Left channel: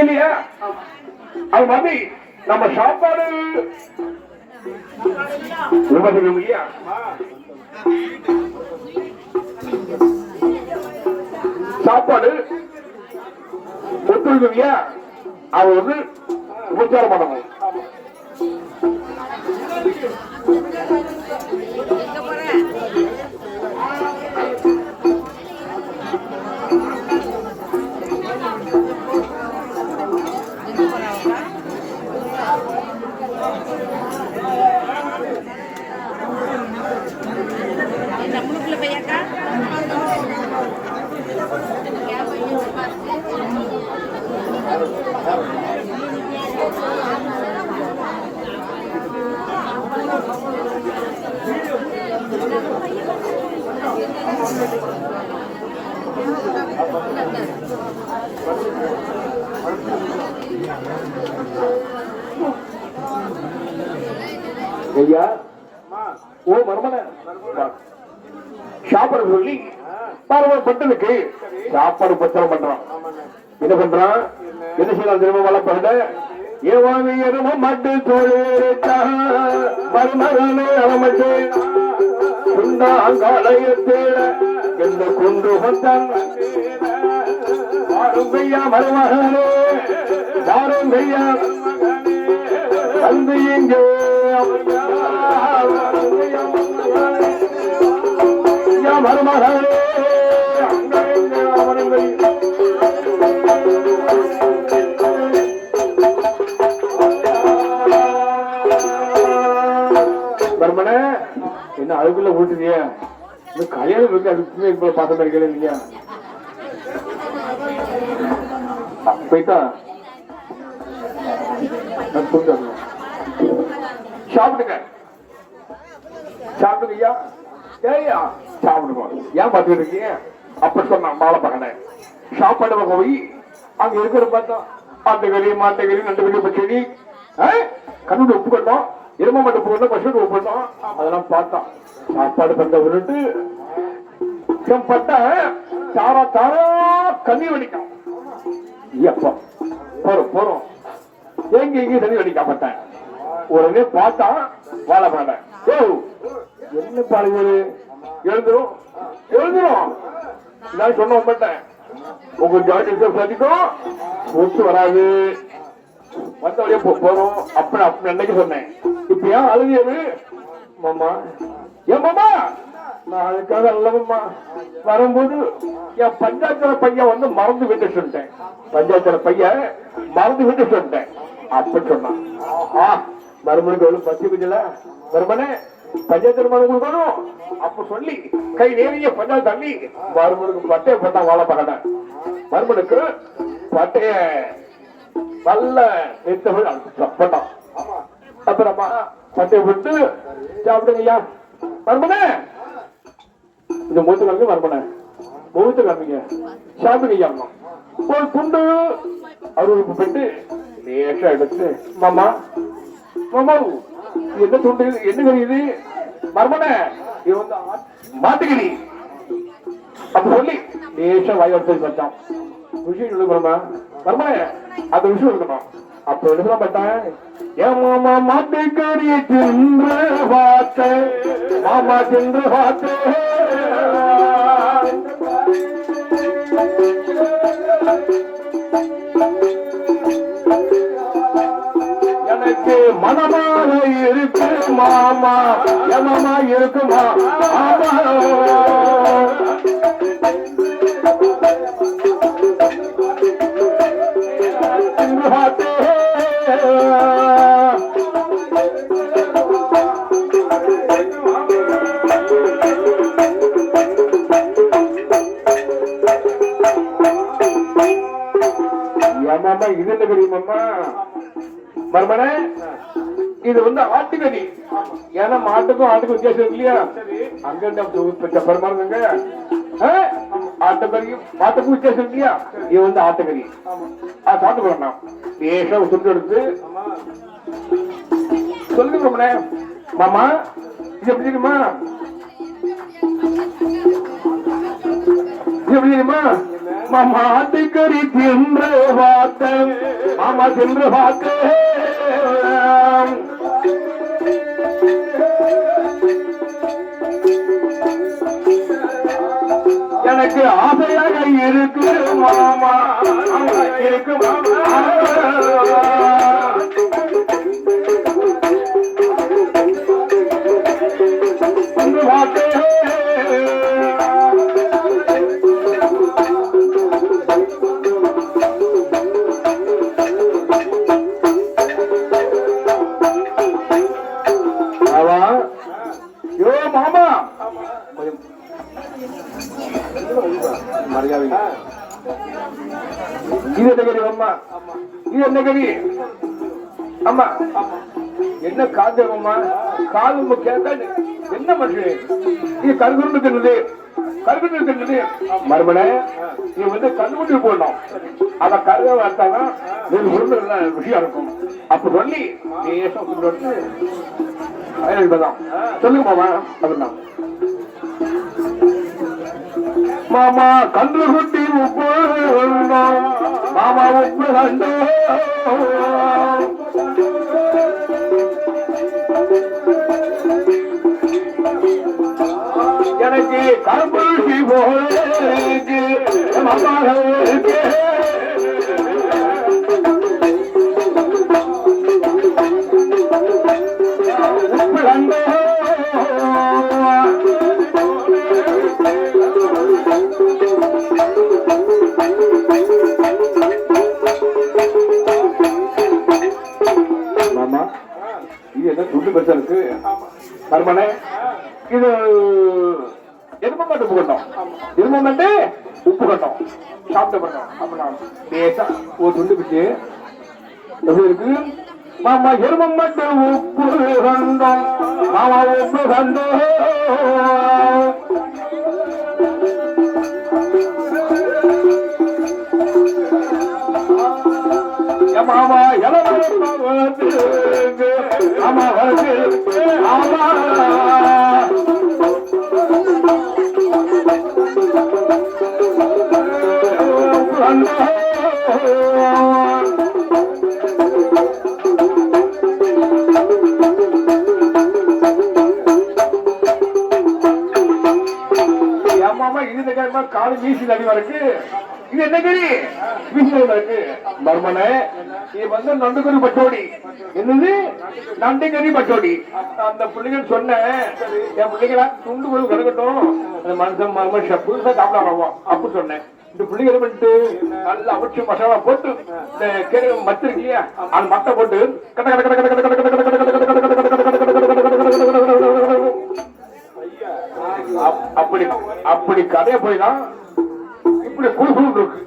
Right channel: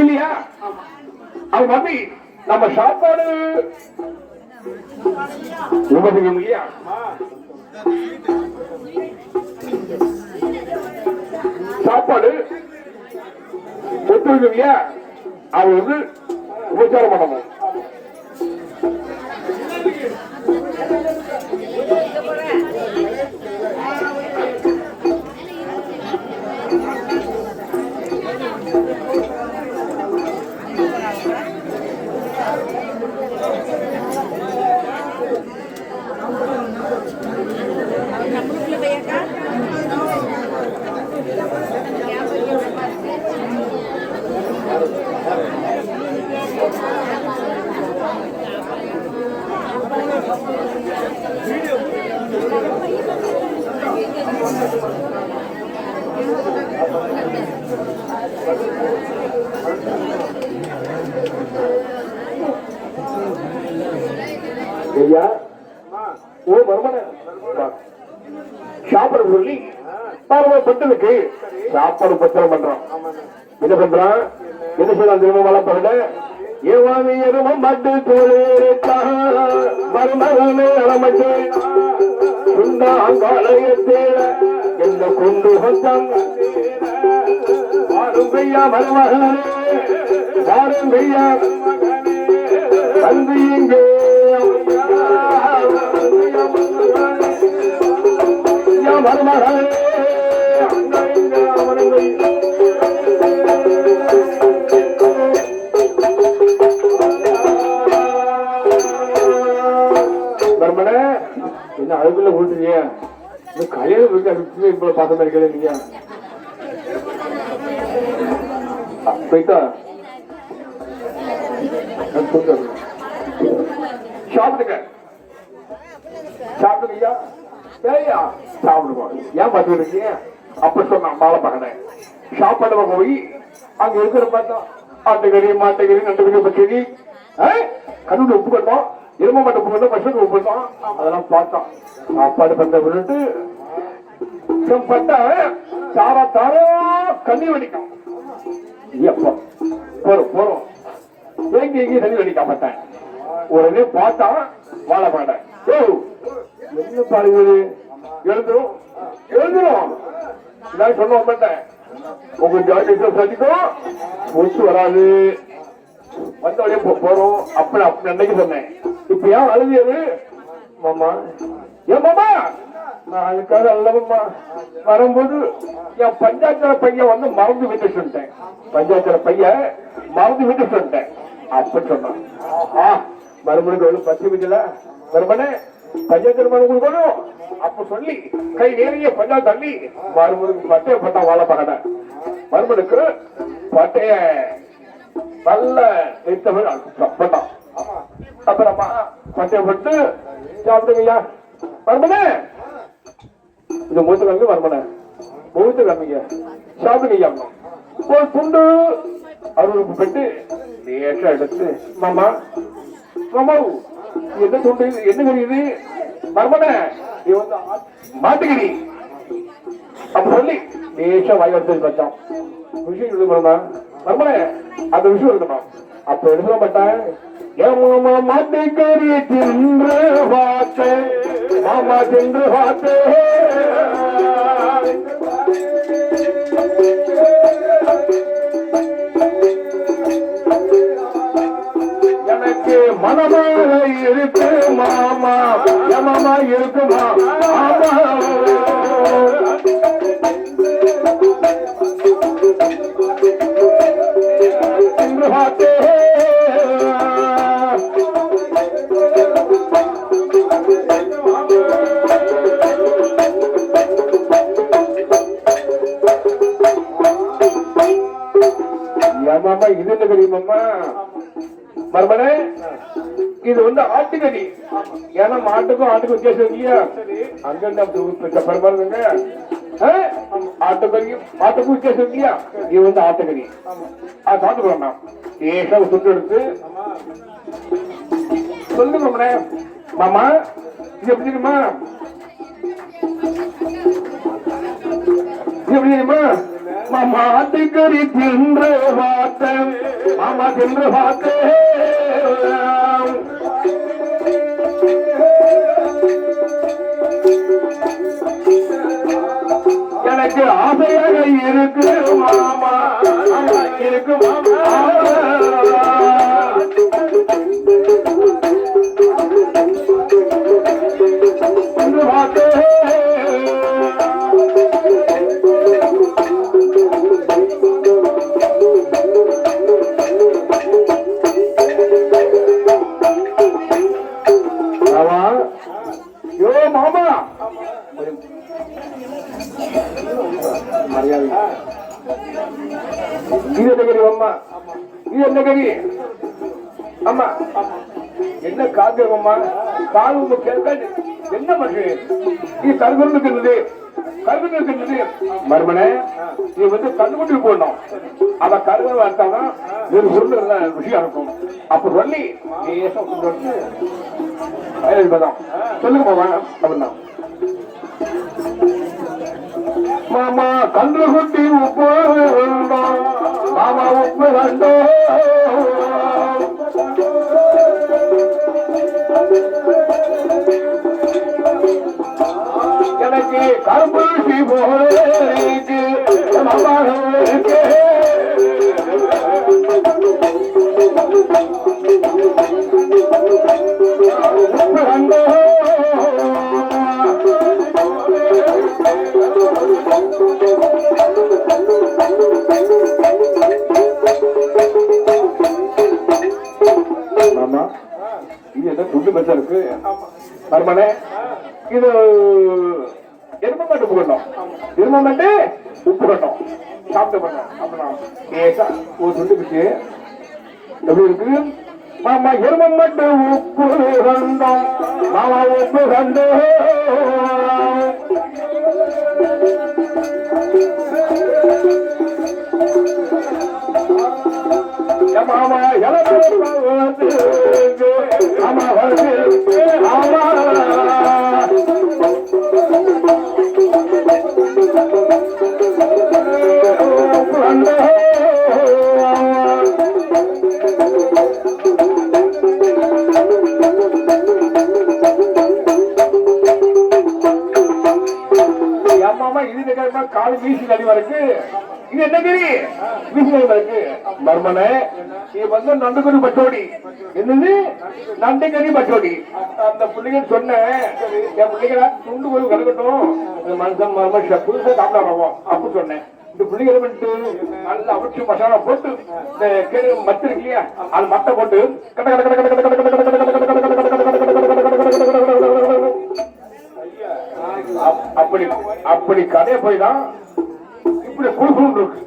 இல்லையா? அது மாதிரி நம்ம சாப்பாடு உபயோகம் இல்லையா? சாப்பாடு ஒத்துழைக்கும் இல்லையா? அவ வந்து உபச்சாரம் பண்ணணும். ஐயா ஓ மர்மன சாப்பாடு சொல்லி பட்டனுக்கு சாப்பாடு பத்திரம் பண்றான். என்ன பண்றான்? என்ன சொல்றான் தெரியுமா? வளப்பட ஏவாமி எரும மட்டு தோழே அலமட்டு குண்டாங்காலயத்தேட என்ன கொண்டு வந்தான் கையா மருமகனே யாரும் கையா வந்து இங்கே மருமகனே என்ன அழுகுல போட்டுறிய கல்யாணம் இருக்கு. அதுக்கு பாசமா இருக்கல இல்லையா? போயிட்டா சாப்பிடுங்க சாப்பிடுங்கய்யா. ஏய்யா சாப்பிடுவோம். ஏன் பாத்துக்கிட்டு இருக்கீங்க? அப்ப சொன்ன மாலை பகன சாப்பாடு போய் அங்க இருக்கிற பார்த்தா ஆட்டுக்கறி மாட்டுக்கறி நட்டுக்கறி பச்சடி கண்ணு உப்பு கொண்டோம், எரும மட்டும் உப்பு கொண்டோம், பசுக்கு உப்பு கொண்டோம். அதெல்லாம் பார்த்தோம். சாப்பாடு பண்ண விட்டு பட்ட சாரா தாரா கண்ணி வடிக்கும். போறோம் போறோம் எங்க எங்கேயும் தண்ணி வடிக்காமட்டேன். உடனே பார்த்தா வாழை பாட என்ன பாருங்க எழுந்துரும் எழுந்துரும் நான் சொன்ன மாட்டேன். உங்களுக்கு சதிக்கும் ஒத்து வராது வந்த வழியா போறோம். அப்படி அப்படி அன்னைக்கு சொன்னேன். இப்ப ஏன் அழுகியது மாமா? ஏன் மாமா? நான் அதுக்காக அல்லவம்மா வரும்போது என் பஞ்சாயத்துல பையன் வந்து மறந்து விட்டு சொல்லிட்டேன். பஞ்சாயத்துல பையன் மறந்து விட்டு சொல்லிட்டேன் அப்படி சொன்னான். மறுமணிக்கு எவ்வளவு பசி விடல மறுமனே பஞ்சாயத்துல மனு கொடுக்கணும். அப்ப சொல்லி கை நேரிய பஞ்சாயத்து தள்ளி மறுமணிக்கு பட்டைய போட்டா வாழ பகட மறுமணிக்கு பட்டைய நல்ல போட்டான். அப்புறமா பட்டைய போட்டு சாப்பிடுங்கய்யா மறுமனே இந்த மூத்த வந்து மறுமனே மூத்த கிழமைங்க சாப்பிடுங்கய்யா. ஒரு துண்டு அருளுக்கு போட்டு லேசா எடுத்து மாமா மாமா என்ன துண்டு என்ன தெரியுது மர்மன இது வந்து மாட்டுக்கறி அப்ப சொல்லி லேசா வாய் எடுத்து வச்சான். விஷயம் எழுதுமா மர்மன அந்த விஷயம் எழுதணும். அப்ப எழுத மாட்டேன். ஏன் மாமா மாட்டுக்கறி தின்று பார்த்த மாமா தின்று பார்த்து எனக்கு மனமாக இருக்கு மாமா யமமா இருக்குமா இது என்ன தெரியுமா மர்மனே? இது வந்து ஆட்டுக்கறி. ஏன்னா மாட்டுக்கும் ஆட்டுக்கும் வித்தியாசம் இல்லையா? அங்க பரமாருங்க ஆட்டுக்கறியும் மாட்டுக்கும் வித்தியாசம் இல்லையா? இது வந்து ஆட்டுக்கறி. அது சாப்பிட்டு போடலாம். லேசா சுட்டு எடுத்து சொல்லுங்க மாமா இது எப்படி தெரியுமா? இது எப்படி தெரியுமா? மாமாட்டிக்கறி தின்று பார்த்தேன் மாமா தின்று பார்த்தேன் எனக்கு ஆசையாக இருக்கு மாமா இருக்கு மாமா மாமா இது என்ன கறி அம்மா இது என்ன கறி அம்மா என்ன காக்கிறோம்மா காது கேட்டா என்ன பண்றேன் இது கருகுண்டு இருக்கின்றது கருகுண்டு இருக்கின்றது மறுபடிய நீ வந்து கண்குண்டு போடணும் அத கருவை வார்த்தாதான் ஒரு பொருள் விஷயம் இருக்கும் அப்ப சொல்லி சொல்லுங்க மாமா அப்படின்னா மாமா கன்று குட்டி உப்பு மாமா உப்பு கண்டோ எனக்கு கருப்பூசி போக்கு மாமாவுக்கு உப்பு கண்டோ மாமா இது என்ன துண்டு பெருசா இருக்கு பரமனே இது எரும கட்டு உப்பு கட்டும் எரும கட்டு உப்பு கட்டும் சாப்பிட்டு அப்படின்னா பேசா ஒரு துண்டு பிச்சு எப்படி இருக்கு மாமா எரும மட்டு உப்பு கண்டோம் மாமா உப்பு கண்டோ மாமா எலவு ஆமா வருது ஆமா கால வீசி அடிவா இருக்கு இது என்ன கிரி வீசி இருக்கு மர்மனே இது வந்து நண்டுகறி பச்சோடி என்னது நண்டுகறி பச்சோடி அந்த பிள்ளைங்க சொன்னேன் என் பிள்ளைங்களா துண்டு குழு கலக்கட்டும் அந்த மனுஷன் மர்ம புதுசா சாப்பிடாம அப்படி சொன்னேன் இந்த பிள்ளைங்க பண்ணிட்டு நல்லா அவிச்சு மசாலா போட்டு இந்த கேள்வி மத்து இருக்கியா அந்த மட்டை போட்டு கட்ட கட்ட கட்ட கட்ட கட்ட கட்ட அப்படி அப்படி கதையை போய் தான் இப்படி கூசு இருக்கு